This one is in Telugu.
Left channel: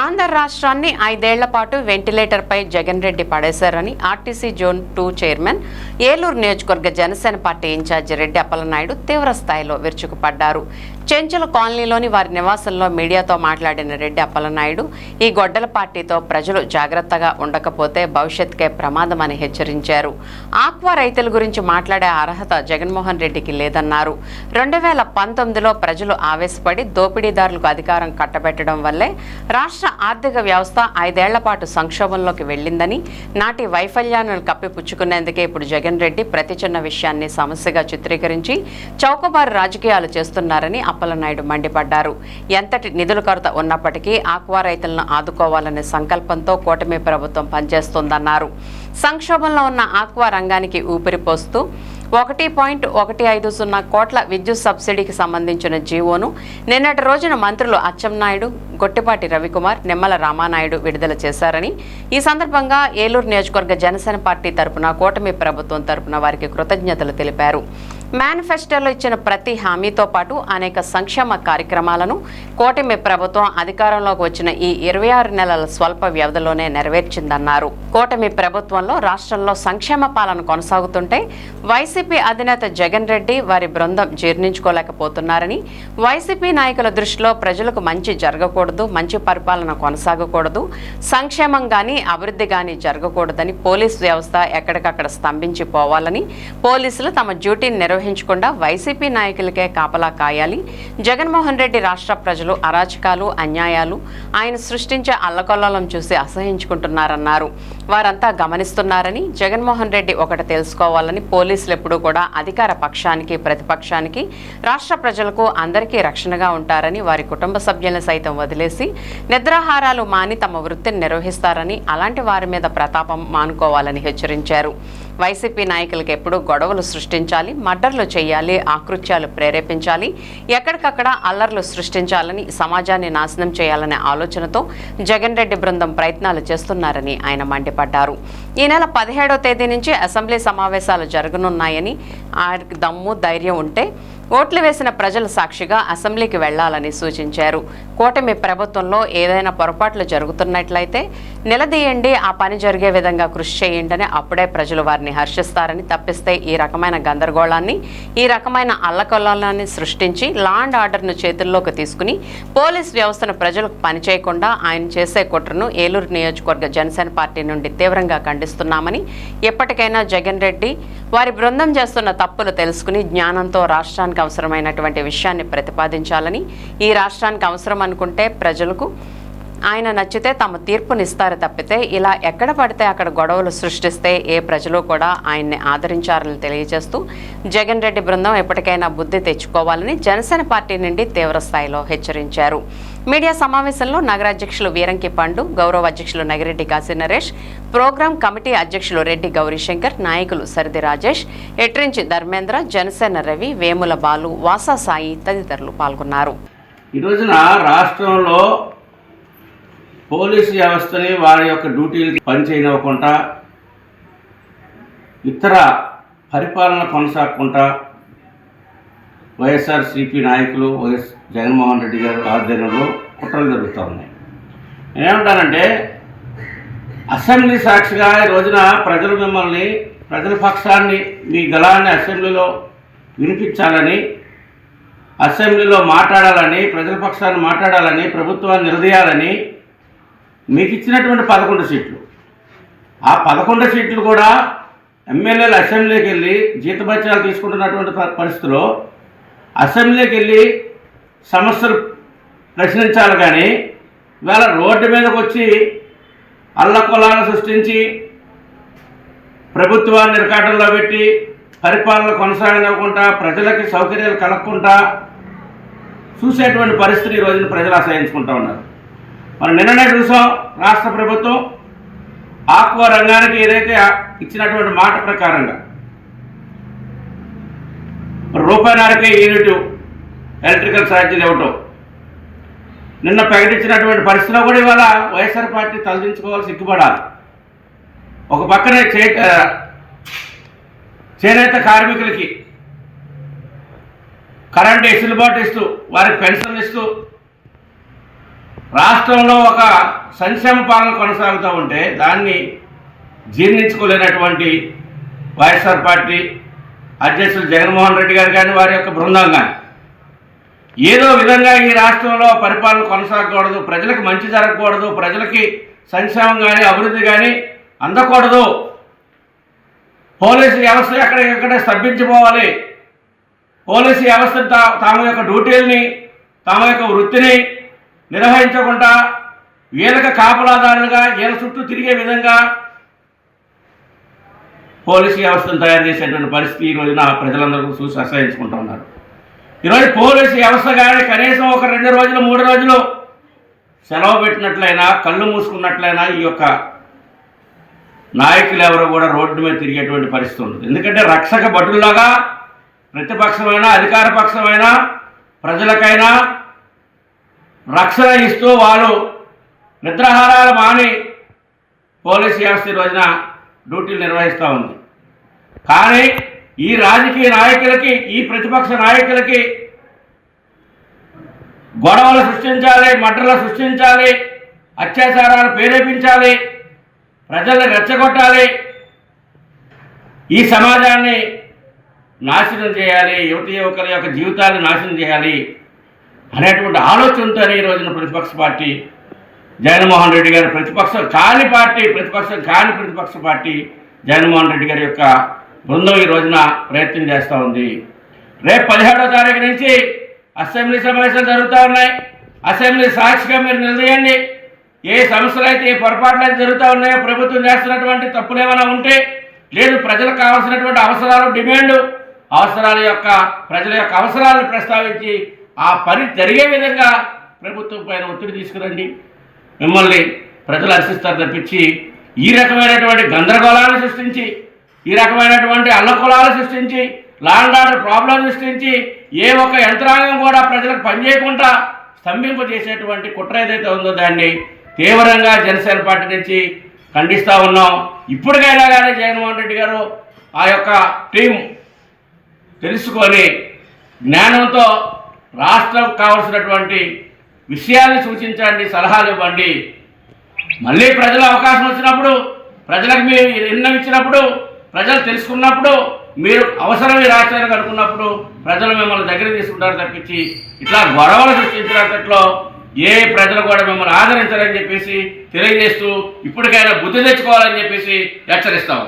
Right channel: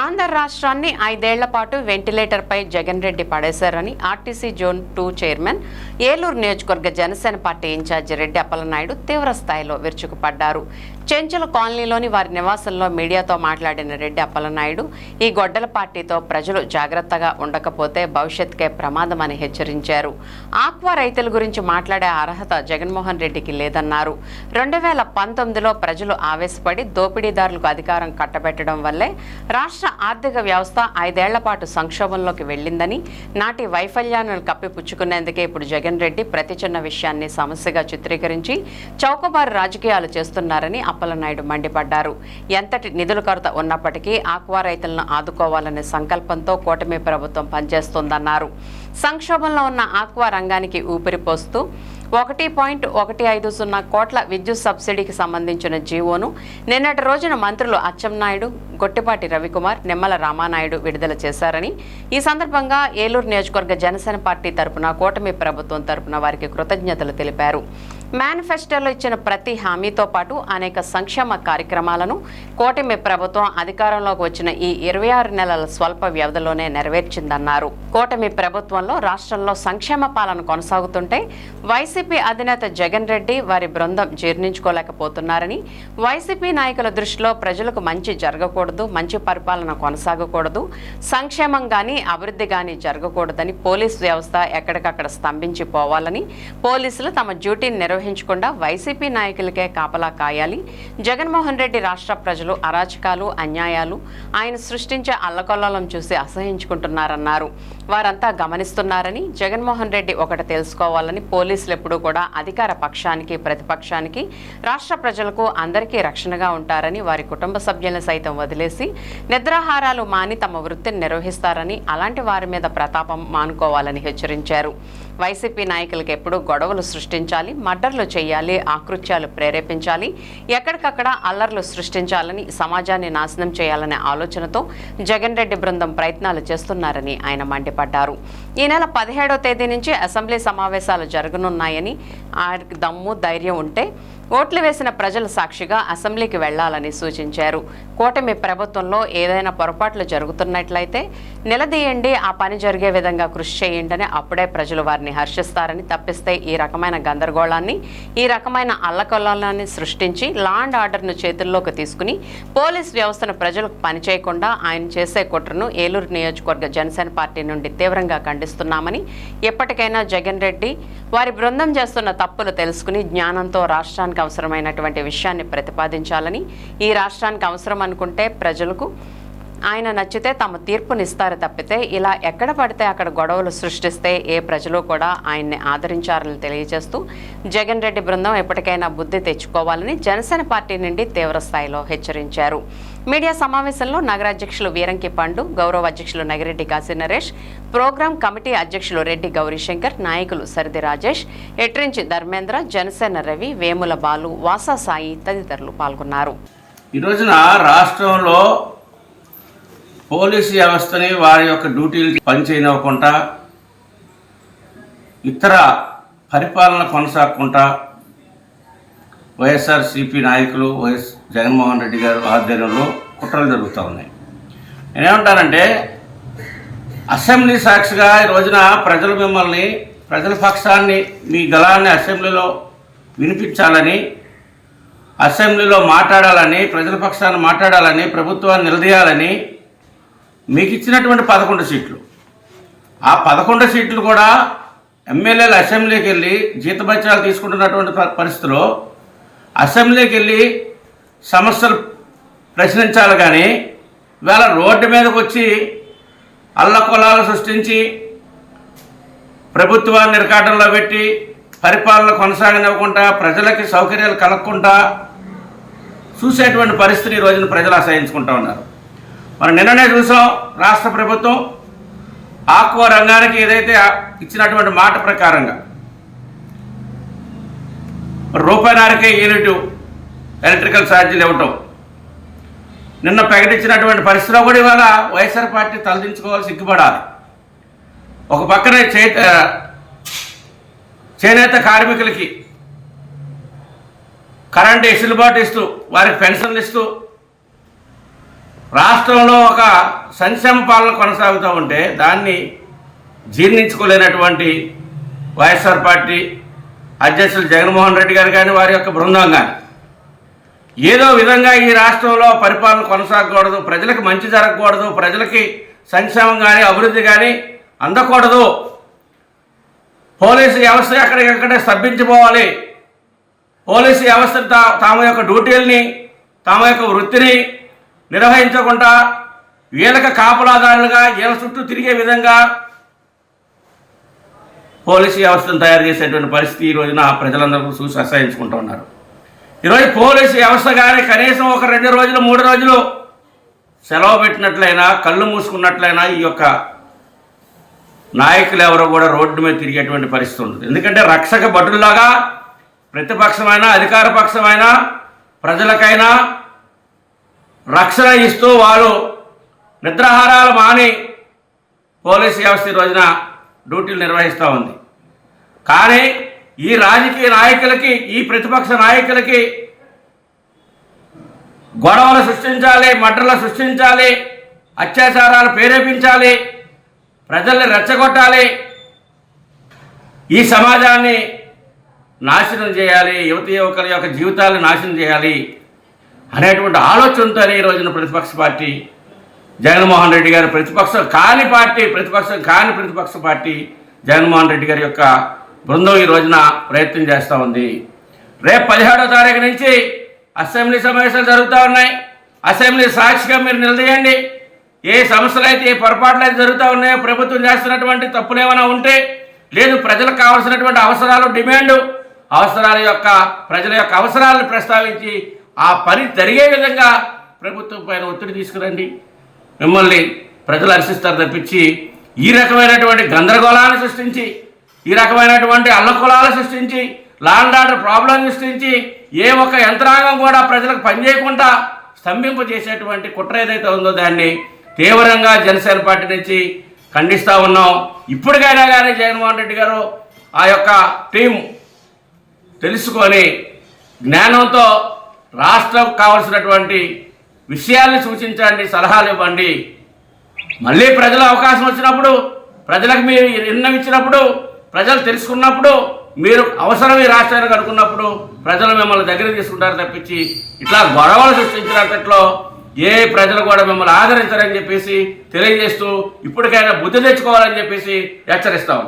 ఆంధ్ర రాష్ట్రాన్ని 5 ఏళ్ల పాటు వెంటిలేటర్పై జగన్ రెడ్డి పడేశారని ఆర్టీసీ జోన్ 2 చైర్మన్, ఏలూరు నియోజకవర్గ జనసేన పార్టీ ఇన్ఛార్జి రెడ్డి అప్పలనాయుడు తీవ్ర స్థాయిలో విరుచుకుపడ్డారు. చెంచల కాలనీలోని వారి నివాసంలో మీడియాతో మాట్లాడిన రెడ్డి అప్పలనాయుడు, ఈ గొడ్డల పార్టీతో ప్రజలు జాగ్రత్తగా ఉండకపోతే భవిష్యత్తుకే ప్రమాదమని హెచ్చరించారు. ఆక్వా రైతుల గురించి మాట్లాడే అర్హత జగన్మోహన్ రెడ్డికి లేదన్నారు. 2019లో ప్రజలు ఆవేశపడి దోపిడీదారులకు అధికారం కట్టబెట్టడం వల్లే రాష్ట్ర ఆర్థిక వ్యవస్థ 5 ఏళ్ల పాటు సంక్షోభంలోకి వెళ్లిందని, నాటి వైఫల్యాలను కప్పిపుచ్చుకునేందుకే ఇప్పుడు జగన్ రెడ్డి ప్రతి చిన్న విషయాన్ని సమస్యగా చిత్రీకరించి చౌకబారు రాజకీయాలు చేస్తున్నారని అప్పలనాయుడు మండిపడ్డారు. ఎంతటి నిధుల కొరత ఉన్నప్పటికీ ఆక్వా రైతులను ఆదుకోవాలనే సంకల్పంతో కూటమి ప్రభుత్వం పనిచేస్తోందన్నారు. సంక్షోభంలో ఉన్న ఆక్వా రంగానికి ఊపిరిపోస్తూ 1.150 కోట్ల విద్యుత్ సబ్సిడీకి సంబంధించిన జీవోను నిన్నటి రోజున మంత్రులు అచ్చెన్నాయుడు, గొట్టిపాటి రవికుమార్, నిమ్మల రామానాయుడు విడుదల చేశారని, ఈ సందర్భంగా ఏలూరు నియోజకవర్గ జనసేన పార్టీ తరపున కూటమి ప్రభుత్వం తరపున వారికి కృతజ్ఞతలు తెలిపారు. మేనిఫెస్టోలో ఇచ్చిన ప్రతి హామీతో పాటు అనేక సంక్షేమ కార్యక్రమాలను కూటమి ప్రభుత్వం అధికారంలోకి వచ్చిన ఈ 26 నెలల స్వల్ప వ్యవధిలోనే నెరవేర్చిందన్నారు. కూటమి ప్రభుత్వంలో రాష్ట్రంలో సంక్షేమ పాలన కొనసాగుతుంటే వైసీపీ అధినేత జగన్ రెడ్డి, వారి బృందం జీర్ణించుకోలేకపోతున్నారని, వైసీపీ నాయకుల దృష్టిలో ప్రజలకు మంచి జరగకూడదు, మంచి పరిపాలన కొనసాగకూడదు, సంక్షేమం గానీ అభివృద్ధి గానీ జరగకూడదని పోలీస్ వ్యవస్థ ఎక్కడికక్కడ స్తంభించిపోవాలని, పోలీసులు తమ డ్యూటీని నిర్వహించకుండా వైసీపీ నాయకులకే కాపలా కాయాలి, జగన్మోహన్ రెడ్డి రాష్ట్ర ప్రజలు అరాచకాలు, అన్యాయాలు, ఆయన సృష్టించే అల్లకొల్లం చూసి అసహించుకుంటున్నారన్నారు. వారంతా గమనిస్తున్నారని, జగన్మోహన్ రెడ్డి ఒకటి తెలుసుకోవాలని, పోలీసులు ఎప్పుడూ కూడా అధికార పక్షానికి, ప్రతిపక్షానికి, రాష్ట్ర ప్రజలకు అందరికీ రక్షణగా ఉంటారని, వారి కుటుంబ సభ్యులను సైతం వదిలేసి నిద్రాహారాలు మాని తమ వృత్తిని నిర్వహిస్తారని, అలాంటి వారి మీద ప్రతాపం మానుకోవాలని హెచ్చరించారు. వైసీపీ నాయకులకు ఎప్పుడూ గొడవలు సృష్టించాలి, మర్డర్లు చేయాలి, ఆకృత్యాలు ప్రేరేపించాలి, ఎక్కడికక్కడ అల్లర్లు సృష్టించాలని, సమాజాన్ని నాశనం చేయాలనే ఆలోచనతో జగన్ రెడ్డి బృందం ప్రయత్నాలు చేస్తున్నారని ఆయన మండిపడ్డారు. ఈ నెల 17వ తేదీ నుంచి అసెంబ్లీ సమావేశాలు జరగనున్నాయని, ఆయనకు దమ్ము ధైర్యం ఉంటే ఓట్లు వేసిన ప్రజల సాక్షిగా అసెంబ్లీకి వెళ్లాలని సూచించారు. కూటమి ప్రభుత్వంలో ఏదైనా పొరపాట్లు జరుగుతున్నట్లయితే నిలదీయండి, ఆ పని జరిగే విధంగా కృషి చేయండి, అప్పుడే ప్రజలు వారిని హర్షిస్తారని, తప్పిస్తే ఈ రకమైన గందరగోళాన్ని, ఈ రకమైన అల్లకొల్లాన్ని సృష్టించి లా అండ్ ఆర్డర్ను చేతుల్లోకి తీసుకుని పోలీస్ వ్యవస్థను ప్రజలకు పనిచేయకుండా ఆయన చేసే కుట్రను ఏలూరు నియోజకవర్గ జనసేన పార్టీ నుండి తీవ్రంగా ఖండిస్తున్నామని, ఎప్పటికైనా జగన్ రెడ్డి వారి బృందం చేస్తున్న తప్పులు తెలుసుకుని జ్ఞానంతో రాష్ట్రానికి అవసరమైనటువంటి విషయాన్ని ప్రతిపాదించాలని, ఈ రాష్ట్రానికి అవసరం అనుకుంటే ప్రజలకు ఆయన నచ్చితే తమ తీర్పునిస్తారు తప్పితే ఇలా ఎక్కడ పడితే అక్కడ గొడవలు సృష్టిస్తే ఏ ప్రజలు కూడా ఆయన్ని ఆదరించారని తెలియజేస్తూ జగన్ రెడ్డి బృందం ఎప్పటికైనా బుద్ధి తెచ్చుకోవాలని జనసేన పార్టీ నుండి తీవ్ర స్థాయిలో హెచ్చరించారు. మీడియా సమావేశంలో నగరాధ్యక్షులు వీరంకి పండు, గౌరవ అధ్యక్షులు నగిరెడ్డి కాశీ నరేష్, ప్రోగ్రాం కమిటీ అధ్యక్షులు రెడ్డి గౌరీశంకర్, నాయకులు సరిది రాజేష్, ఎట్రించి ధర్మేంద్ర, జనసేన రవి, వేముల బాలు, వాసా సాయి తదితరులు పాల్గొన్నారు. ఈ రోజున రాష్ట్రంలో పోలీసు వ్యవస్థని వారి యొక్క డ్యూటీలకి పనిచేయనివ్వకుండా, ఇతర పరిపాలన కొనసాగకుండా వైఎస్ఆర్సీపీ నాయకులు వైఎస్ జగన్మోహన్ రెడ్డి గారు ఆధ్వర్యంలో కుట్రలు జరుగుతూ ఉన్నాయి. నేనేమంటానంటే, అసెంబ్లీ సాక్షిగా ఈ రోజున ప్రజలు మిమ్మల్ని, ప్రజల పక్షాన్ని, మీ గళాన్ని అసెంబ్లీలో వినిపించాలని, అసెంబ్లీలో మాట్లాడాలని, ప్రజల పక్షాన్ని మాట్లాడాలని, ప్రభుత్వాన్ని నిలదీయాలని మీకు ఇచ్చినటువంటి 11 సీట్లు, ఆ 11 సీట్లు కూడా ఎమ్మెల్యేలు అసెంబ్లీకి వెళ్ళి జీతభత్యాలు తీసుకుంటున్నటువంటి పరిస్థితిలో అసెంబ్లీకి వెళ్ళి సమస్యలు ప్రశ్నించాలి. కానీ ఇవాళ రోడ్డు మీదకి వచ్చి అల్లకొలాలు సృష్టించి ప్రభుత్వాన్ని ఇరకాటంలో పెట్టి పరిపాలన కొనసాగనివ్వకుండా, ప్రజలకి సౌకర్యాలు కలగకుండా చూసేటువంటి పరిస్థితిని ఈ రోజున ప్రజలు అసహించుకుంటూ ఉన్నారు. మనం నిన్ననే చూసాం, రాష్ట్ర ప్రభుత్వం ఆక్వా రంగానికి ఏదైతే ఇచ్చినటువంటి మాట ప్రకారంగా రూపాయన్నరకే యూనిట్ ఎలక్ట్రికల్ ఛార్జీలు ఇవ్వటం నిన్న ప్రకటించినటువంటి పరిస్థితిలో కూడా ఇవాళ వైఎస్ఆర్ పార్టీ తలదించుకోవాలి, సిగ్గుపడాలి. ఒక పక్కనే చేనేత కార్మికులకి కరెంటు వెసులుబాటు ఇస్తూ, వారికి పెన్షన్లు ఇస్తూ రాష్ట్రంలో ఒక సంక్షేమ పాలన కొనసాగుతూ ఉంటే దాన్ని జీర్ణించుకోలేనటువంటి వైఎస్ఆర్ పార్టీ అధ్యక్షులు జగన్మోహన్ రెడ్డి గారు కానీ వారి యొక్క బృందం కానీ ఏదో విధంగా ఈ రాష్ట్రంలో పరిపాలన కొనసాగకూడదు, ప్రజలకు మంచి జరగకూడదు, ప్రజలకి సంక్షేమం కానీ అభివృద్ధి కానీ అందకూడదు, పోలీసు వ్యవస్థ ఎక్కడికక్కడే స్తబ్భించిపోవాలి, పోలీసు వ్యవస్థ తమ యొక్క డ్యూటీలని తమ యొక్క వృత్తిని నిర్వహించకుండా వీళ్ళకి కాపులాదారులుగా వీళ్ళ చుట్టూ తిరిగే విధంగా పోలీసు వ్యవస్థను తయారు చేసేటువంటి పరిస్థితి ఈ రోజున ప్రజలందరూ చూసి అసహించుకుంటూ ఉన్నారు. ఈరోజు పోలీసు వ్యవస్థ కానీ కనీసం ఒక 2 రోజులు 3 రోజులు సెలవు పెట్టినట్లయినా, కళ్ళు మూసుకున్నట్లయినా ఈ యొక్క నాయకులు ఎవరు కూడా రోడ్డు మీద తిరిగేటువంటి పరిస్థితి ఉంటుంది. ఎందుకంటే రక్షక భటుల్లాగా ప్రతిపక్షమైన అధికార పక్షమైన ప్రజలకైనా రక్షణ ఇస్తూ వాళ్ళు నిద్రాహారాలు మాని పోలీసు వ్యవస్థ ఈ రోజున డ్యూటీలు నిర్వహిస్తూ ఉంది. కానీ ఈ రాజకీయ నాయకులకి, ఈ ప్రతిపక్ష నాయకులకి గొడవలు సృష్టించాలి, మడ్రలు సృష్టించాలి, అత్యాచారాలు ప్రేరేపించాలి, ప్రజల్ని రెచ్చగొట్టాలి, ఈ సమాజాన్ని నాశనం చేయాలి, యువకుల యొక్క జీవితాలను నాశనం చేయాలి అనేటువంటి ఆలోచనతోనే ఈ రోజున ప్రతిపక్ష పార్టీ జగన్మోహన్ రెడ్డి గారు ప్రతిపక్షం కాని ప్రతిపక్ష పార్టీ జగన్మోహన్ రెడ్డి గారి యొక్క బృందం ఈ రోజున ప్రయత్నం చేస్తూ ఉంది. రేపు 17వ తారీఖు నుంచి అసెంబ్లీ సమావేశాలు జరుగుతూ ఉన్నాయి. అసెంబ్లీ సాక్షిగా మీరు నిలదీయండి. ఏ సమస్యలు అయితే, ఏ పొరపాట్లు అయితే జరుగుతూ ఉన్నాయో, ప్రభుత్వం చేస్తున్నటువంటి తప్పులు ఏమైనా ఉంటే, లేదు ప్రజలకు కావాల్సినటువంటి అవసరాలు, డిమాండ్ ప్రజల యొక్క అవసరాలను ప్రస్తావించి ఆ పని జరిగే విధంగా ప్రభుత్వం పైన ఒత్తిడి తీసుకురండి. మిమ్మల్ని ప్రజలు హర్షిస్తారు తప్పించి ఈ రకమైనటువంటి గందరగోళాలను సృష్టించి, ఈ రకమైనటువంటి అల్లకొలాలు సృష్టించి, లా అండ్ ఆర్డర్ ప్రాబ్లం సృష్టించి ఏ ఒక్క యంత్రాంగం కూడా ప్రజలకు పనిచేయకుండా స్తంభింపజేసేటువంటి కుట్ర ఏదైతే ఉందో దాన్ని తీవ్రంగా జనసేన పార్టీ నుంచి ఖండిస్తూ ఉన్నాం. ఇప్పటికైనా కానీ జగన్మోహన్ రెడ్డి గారు ఆ యొక్క టీం తెలుసుకొని జ్ఞానంతో రాష్ట్రం కావాల్సినటువంటి విషయాల్ని సూచించండి, సలహాలు ఇవ్వండి. మళ్ళీ ప్రజల అవకాశం వచ్చినప్పుడు, ప్రజలకు మీరు నిర్ణయం ఇచ్చినప్పుడు, ప్రజలు తెలుసుకున్నప్పుడు, మీరు అవసరం ఈ రాష్ట్రానికి అనుకున్నప్పుడు ప్రజలు మిమ్మల్ని దగ్గర తీసుకుంటారు తప్పించి ఇట్లా గొడవలు సృష్టించినట్లో ఏ ప్రజలు కూడా మిమ్మల్ని ఆదరించారని చెప్పేసి తెలియజేస్తూ ఇప్పటికైనా బుద్ధి తెచ్చుకోవాలని చెప్పేసి హెచ్చరిస్తాం.